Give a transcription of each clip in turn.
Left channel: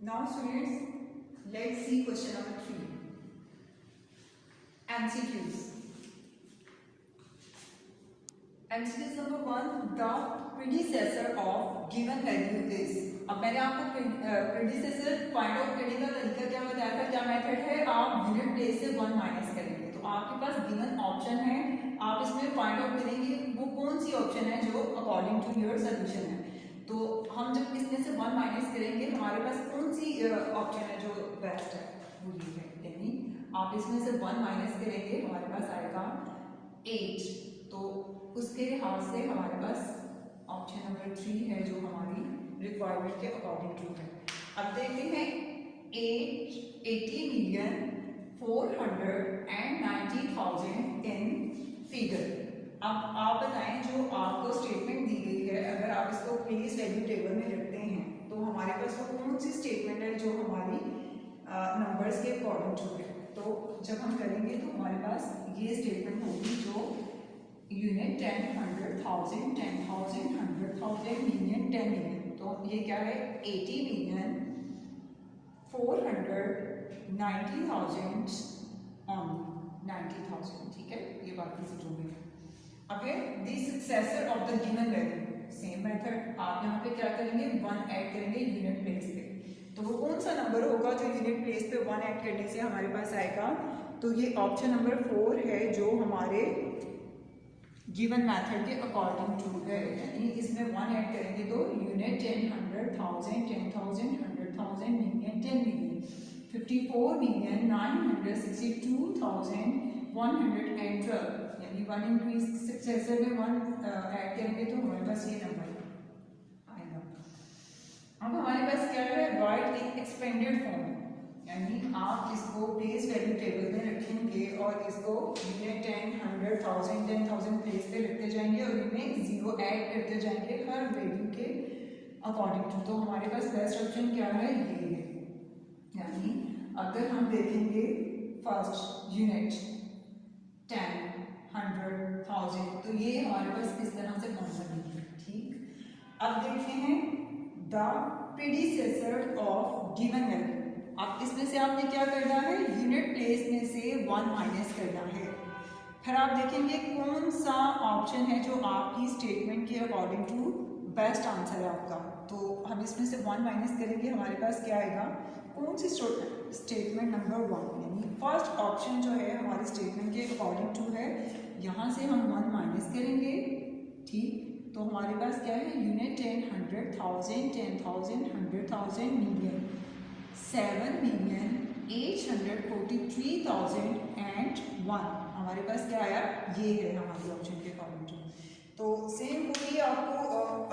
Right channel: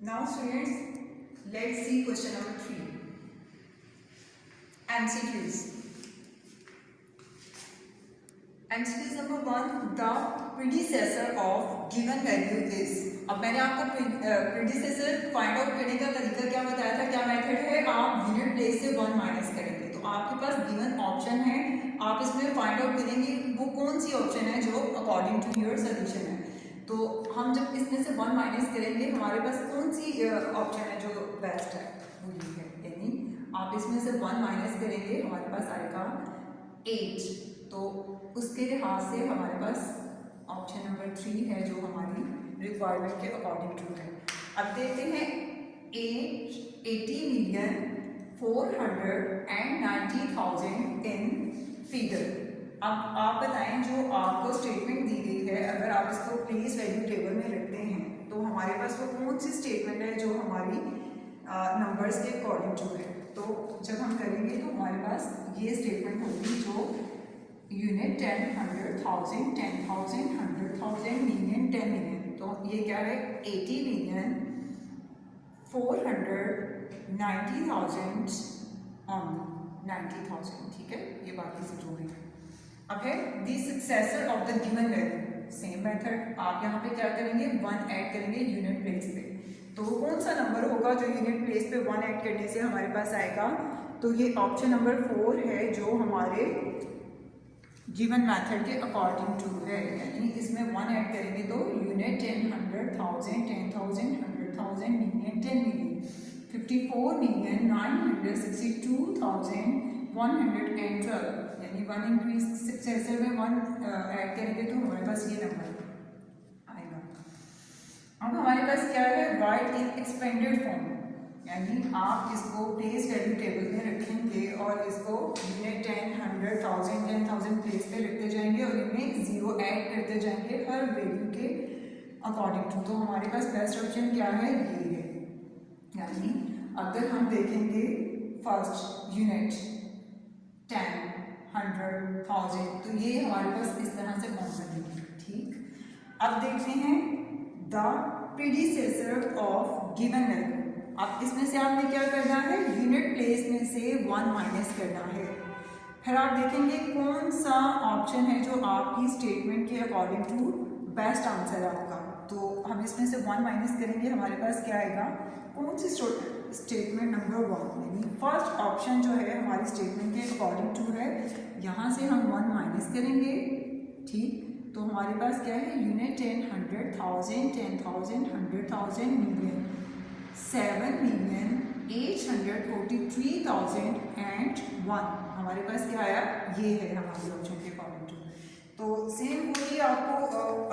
Now students, let's see question number 3. MCQs. MCQs number 1. The predecessor of given value is. अब मैंने आपको predecessor find out करने का तरीका क्या बताया था, क्या मेथड है, आप यूनिट प्लेस से 1 माइनस करेंगे। तो आपके पास गिवन ऑप्शन है, आप इसमें फाइंड आउट करेंगे वो कौन सी ऑप्शन है जो अकॉर्डिंग टू योर सोल्यूशन है। तो हम जब इसमें से 1 माइनस करेंगे हमारे पास कौन सी ऑप्शन है जो बेस्ट है, वो ये है। यानी आप इसमें से 1 माइनस करेंगे हमारे पास आएगा 8। तो उसके लिहाज से हमारे पास ऑप्शन नंबर 3 है जो हमारी रिक्वायरमेंट के अकॉर्डिंग टू है। अब देखते हैं 80,490,000 इन फिगर। अब आप बताएं जो आपको स्टेटमेंट दी गई है, अगर आप इसको प्लेस वैल्यू टेबल में रखते हैं तो हमारे पास वो कौन सी स्टेटमेंट है जो हमारी नंबर्स के अकॉर्डिंग टू है। तो जब हम करेंगे तो हमारे पास ये स्टेटमेंट होगी जो यूनिट 10, 100,000, 10,000, 100,000, मिलियन, 10 मिलियन। तो ये क्या है 80,490,000 ऑन 90,000। ठीक है, ये बात की समझो में। अब है the successor of the given value. Same method, आप यहाँ पे क्या करेंगे 1 ऐड करेंगे यूनिट प्लेस पे। तो वो कौन सा नंबर होगा जो यूनिट प्लेस पे 1 ऐड करने से हमारे पास आएगा। तो ये ऑप्शन नंबर 4 है जो हमारे गिवन मेथड के अकॉर्डिंग टू है। यानी इसमें 1 ऐड करेंगे तो यूनिट 10, 100,000, 10,000, 100,000, मिलियन, 10 मिलियन, 54,962,112। यानी 1 इंक्रीज सक्सेसर में 1 ऐड करेंगे तो हमारे पास ये नंबर आएगा। अब हमारे पास क्या है राइट इन एक्सपेंडेड फॉर्म। यानी आप इसको प्लेस वैल्यू टेबल में रखेंगे और इसको यूनिट 10, 100,000, 10,000 प्लेस पे लिखते जाएंगे और इनमें 0 ऐड करते जाएंगे हर वैल्यू के अकॉर्डिंग टू। तो हमारे पास बेस्ट ऑप्शन क्या है, ये है। यानी अगर हम देखेंगे फर्स्ट यूनिट 10, 100,000, तो ये हमारे पास इस तरह से कौन सा नहीं। ठीक, अब देखते हैं the predecessor of given value. अब इसमें से आपने क्या करना है, यूनिट प्लेस में से 1 माइनस करना है। फिर आप देखेंगे कौन सा ऑप्शन है जो आपकी स्टेटमेंट के अकॉर्डिंग टू बेस्ट आंसर है आपका। तो हम इसमें से 1 माइनस करेंगे, हमारे पास क्या आएगा, कौन सी स्टेटमेंट नंबर 1। यानी फर्स्ट ऑप्शन जो है हमारी स्टेटमेंट के अकॉर्डिंग टू है, यहाँ से हम 1 माइनस करेंगे। ठीक, तो हमारे पास क्या है यूनिट 10, 100,000, 10,000, 100,000, मिलियन, 7,843,001। हमारे पास क्या आया, ये है हमारे ऑप्शन के अकॉर्डिंग टू। तो सेम वही आपको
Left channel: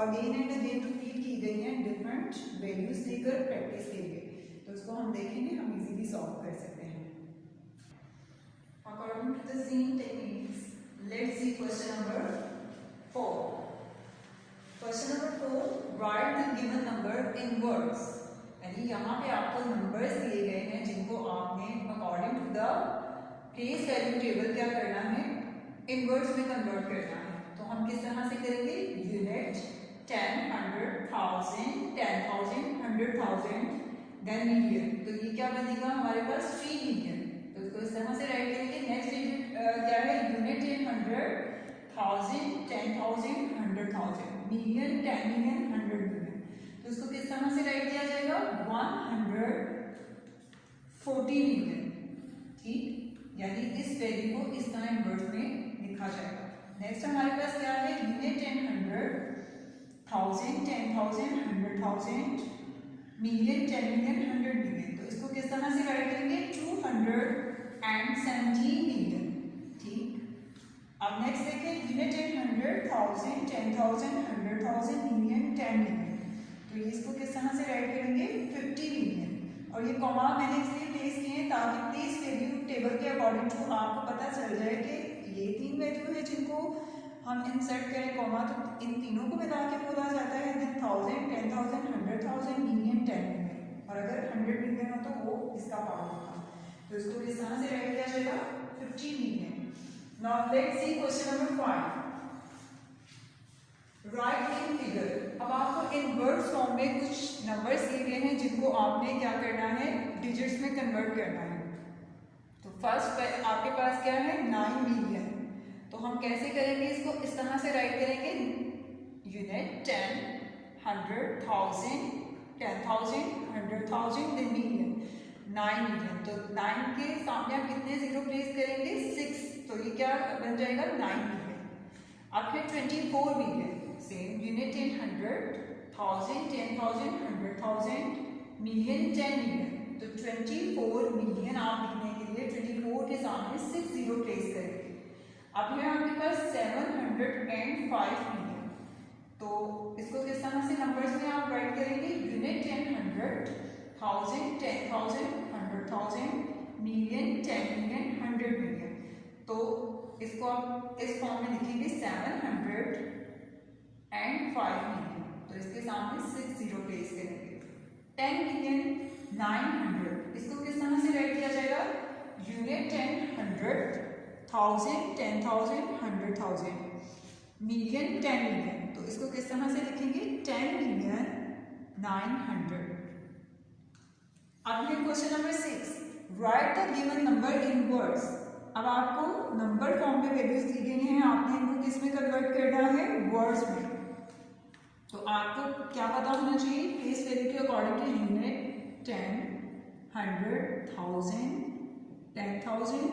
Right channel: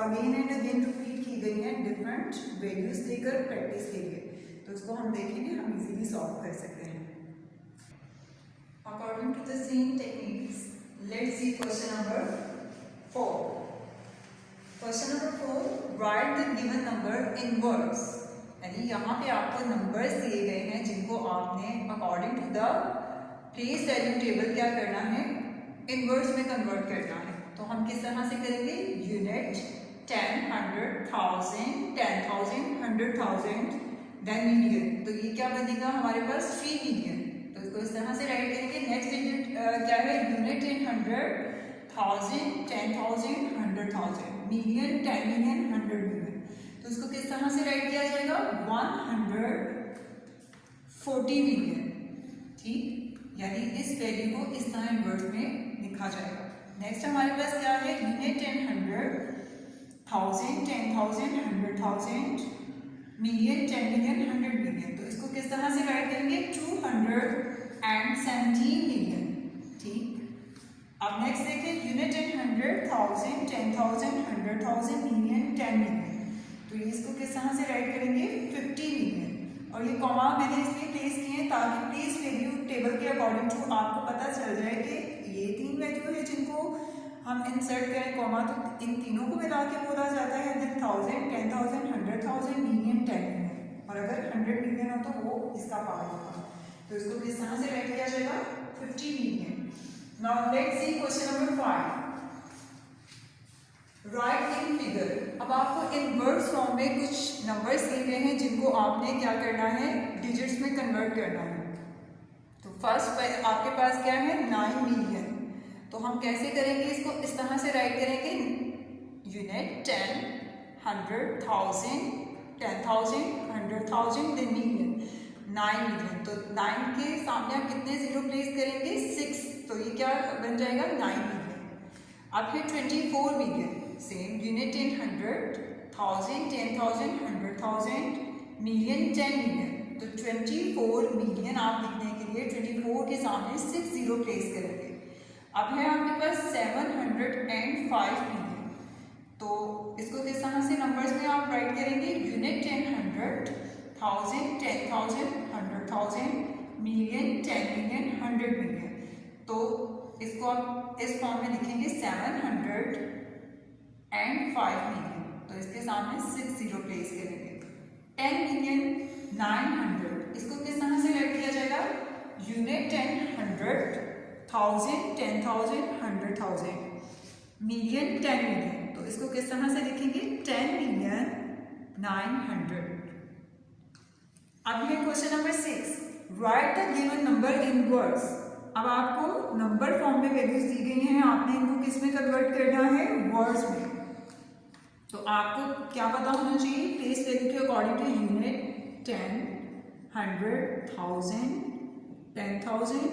अगेन एंड अगेन रिपीट की गई है डिफरेंट वैल्यूज देकर प्रैक्टिस के लिए। तो इसको हम देखेंगे, हम इजीली सॉल्व कर सकते हैं according to the same techniques. Let's see question number 4। Question number 4, write the given number in words. यानी यहाँ पे आपको नंबर्स दिए गए हैं जिनको आपने according to the place value table क्या करना है, इनवर्ड्स में कन्वर्ट करना है। तो हम किस तरह से करेंगे, यूनिट 10, 100,000, 10,000, 100,000, देन मिलियन। तो ये क्या बनेगा हमारे पास 3 मिलियन। तो इसको इस तरह से राइट करेंगे। नेक्स्ट डिजिट क्या है, यूनिट 10, 100,000, 10,000, 100,000, मिलियन, 10 मिलियन, 100 मिलियन। तो इसको किस तरह से राइट किया जाएगा, 140 मिलियन। ठीक, यानी इस वैल्यू को इस तरह इनवर्स में लिखा जाएगा। नेक्स्ट हमारे पास क्या है, यूनिट 10, 100,000, 10,000, 100,000, मिलियन, 10 मिलियन, 100 मिलियन। तो इसको किस तरह से राइट करेंगे, 217 मिलियन। ठीक, अब नेक्स्ट देखिए यूनिट 10, 100,000, 10,000, 100,000, मिलियन, 10 मिलियन। तो इसको किस तरह से राइट करेंगे, 50 मिलियन। और ये कॉमा मैंने इसलिए प्लेस किए हैं ताकि प्लेस वैल्यू टेबल के अकॉर्डिंग टू आपको पता चल जाए कि ये 3 वैल्यू है जिनको हम इंसर्ट करें कॉमा, तो इन तीनों को मिला के बोला जाता है 10,000, 10,000, 100,000, मिलियन, 10 मिलियन। और अगर 100 मिलियन हो तो वो इसका पार्ट होगा। तो इसको किस तरह से राइट किया जाएगा, 50 million. Now let's see question number 5, right in figure. अब आपको इनवर्स फॉर्म में कुछ नंबर्स दिए गए हैं जिनको आपने क्या करना है, डिजिट्स में कन्वर्ट करना है। तो फर्स्ट आपके पास क्या है, 9 मिलियन। तो हम कैसे करेंगे इसको, इस तरह से राइट करेंगे, यूनिट 10, 100, 1000, 10,000, 100,000, देन मिलियन, 9 मिलियन। तो 9 के सामने आप कितने जीरो प्लेस करेंगे, 6, तो ये क्या बन जाएगा, 9 मिलियन। अब फिर 24 million, same unit 10, 100, 1000, 10,000, 100,000, million, 10 million. तो 24 मिलियन आप लिखने के लिए 24 के सामने 6 जीरो प्लेस करेंगे। अब है आपके पास 705 मिलियन। तो इसको किस तरह से नंबर्स में आप राइट करेंगे, यूनिट 10, 100, 1000, 10,000, 100,000, मिलियन, 10 मिलियन, 100 मिलियन। तो इसको आप इस फॉर्म में लिखेंगे 705 मिलियन। तो इसके सामने 6 जीरो प्लेस करेंगे। 10 मिलियन, 900, इसको किस तरह से राइट किया जाएगा, यूनिट 10, 100, 1000, 10,000, 100,000, मिलियन, 10 मिलियन। तो इसको किस तरह से लिखेंगे, 10 मिलियन 900। अब है question number 6, right the given number in words. अब आपको नंबर फॉर्म में वैल्यूज दी गई हैं, आपने इनको किस में कन्वर्ट करना है, वर्ड्स में। तो आपको क्या पता होना चाहिए, प्लेस वैल्यू के अकॉर्डिंग टू यूनिट 10, 100, 1000, 10,000,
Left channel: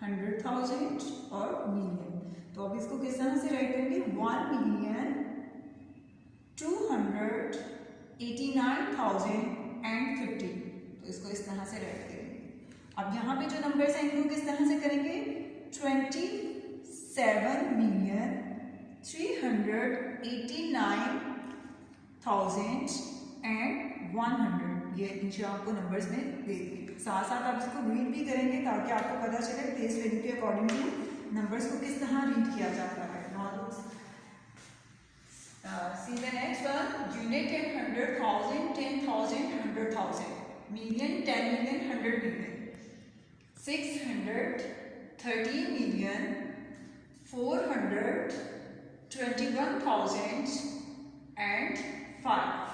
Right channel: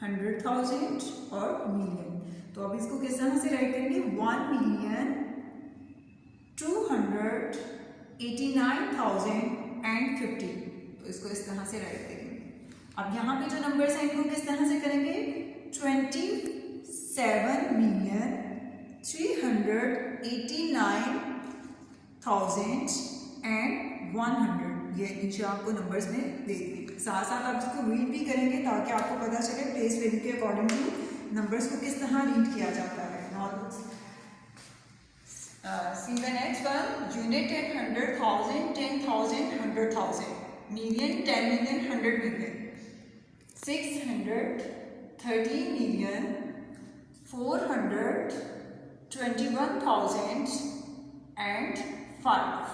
100,000 और मिलियन। तो अब इसको किस तरह से राइट करेंगे, 1,289,050। तो इसको इस तरह से राइट करेंगे। अब यहाँ पे जो नंबर्स हैं इनको किस तरह से करेंगे, 27,389,100। ये नीचे आपको नंबर्स में दे दिए। साथ साथ आप इसको रीड भी करेंगे ताकि आपको पता चले प्लेस वैल्यू के अकॉर्डिंग टू नंबर्स को किस तरह रीड किया जाता है। See the next one, unit 10, 100,000, 10,000, 100,000, million, 10 million, 100 million, 630 million 421,005।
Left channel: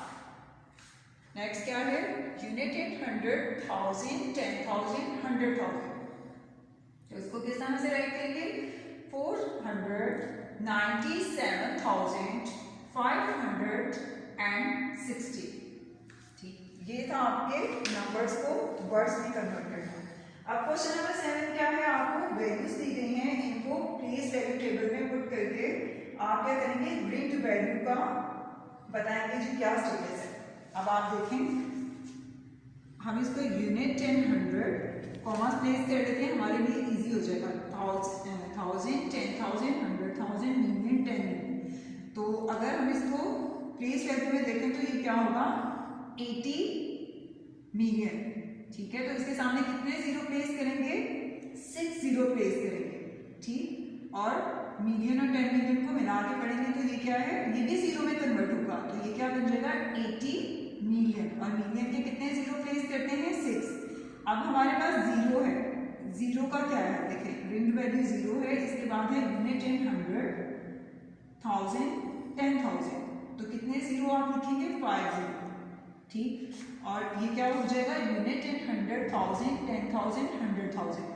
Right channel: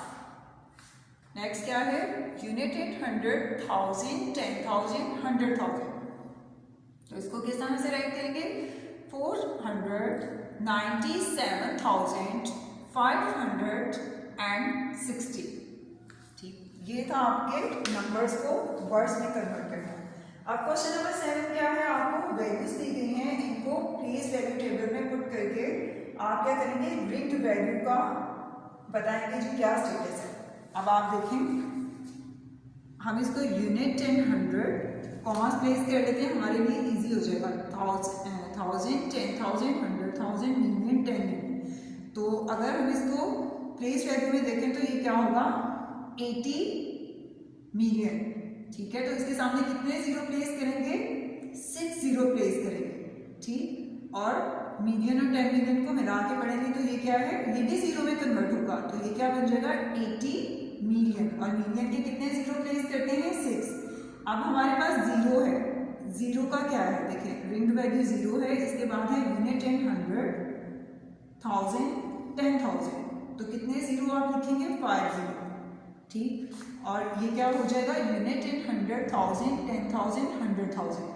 Next क्या है, यूनिट 100,000, 10,000, 100,000। तो इसको किस तरह से राइट करेंगे, 497,560। ठीक, ये था आपके नंबर्स को वर्ड्स में कन्वर्ट करना। अब क्वेश्चन नंबर 7 क्या है, आपको वैल्यूज दी गई हैं, इनको प्लेस वैल्यू टेबल में पुट करके आप क्या करेंगे, रिंग्ड वैल्यू का बताएंगे जी क्या स्टेटस है। अब आप देखें, हम इसको यूनिट 10, 100 कॉमास प्लेस कर लेते हैं, हमारे लिए इजी हो जाएगा। 1000, 10,000, 100,000, मिलियन, 10 मिलियन। तो अगर हम इसको प्लेस वैल्यू में देखें तो ये क्या होगा, 80 मिलियन। ठीक है, तो इसके सामने कितने जीरो प्लेस करेंगे, 6 जीरो प्लेस करेंगे। ठीक, और मिलियन और 10 मिलियन को मिला के पढ़ेंगे तो ये क्या है, ये भी जीरो में कन्वर्ट होगा। तो ये क्या बन जाएगा, 80 मिलियन। और मिलियन के कितने जीरो प्लेस करते हैं, 6। अब हमारे पास जीरो है, जीरो का क्या है, देखें रिंग्ड वैल्यू जीरो है, इसके बाद है यूनिट 10, 100, 1000, 10,000। तो कितने जीरो आप लिखेंगे, 5 जीरो। ठीक, और ये क्या हो जाएगा, यूनिट 10, 100,000, 10,000, 100,000।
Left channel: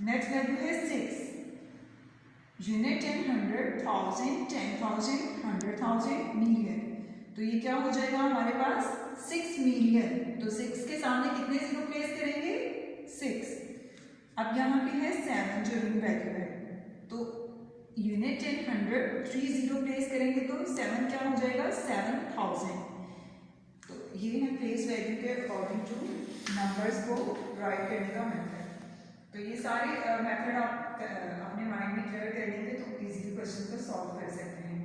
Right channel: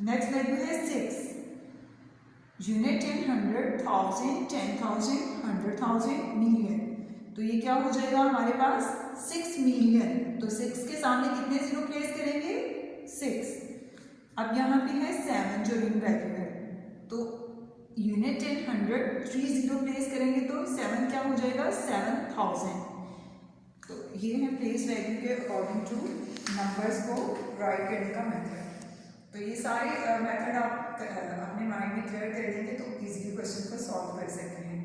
नेक्स्ट वैल्यू है 6, यूनिट 10, 100,000, 10,000, 100,000, मिलियन। तो ये क्या हो जाएगा हमारे पास, 6 मिलियन। तो 6 के सामने कितने जीरो प्लेस करेंगे, 6। अब यहाँ पे है 7 जो रिंग वैल्यू है, तो यूनिट 10, 100, 3 जीरो प्लेस करेंगे तो 7 क्या हो जाएगा, 7,000। तो ये है प्लेस वैल्यू के अकॉर्डिंग टू नंबर्स को राइट करने का मेथड। तो ये सारे मेथड आप अपने माइंड में क्लियर कर लेंगे तो इजीली क्वेश्चन को सॉल्व कर सकते हैं।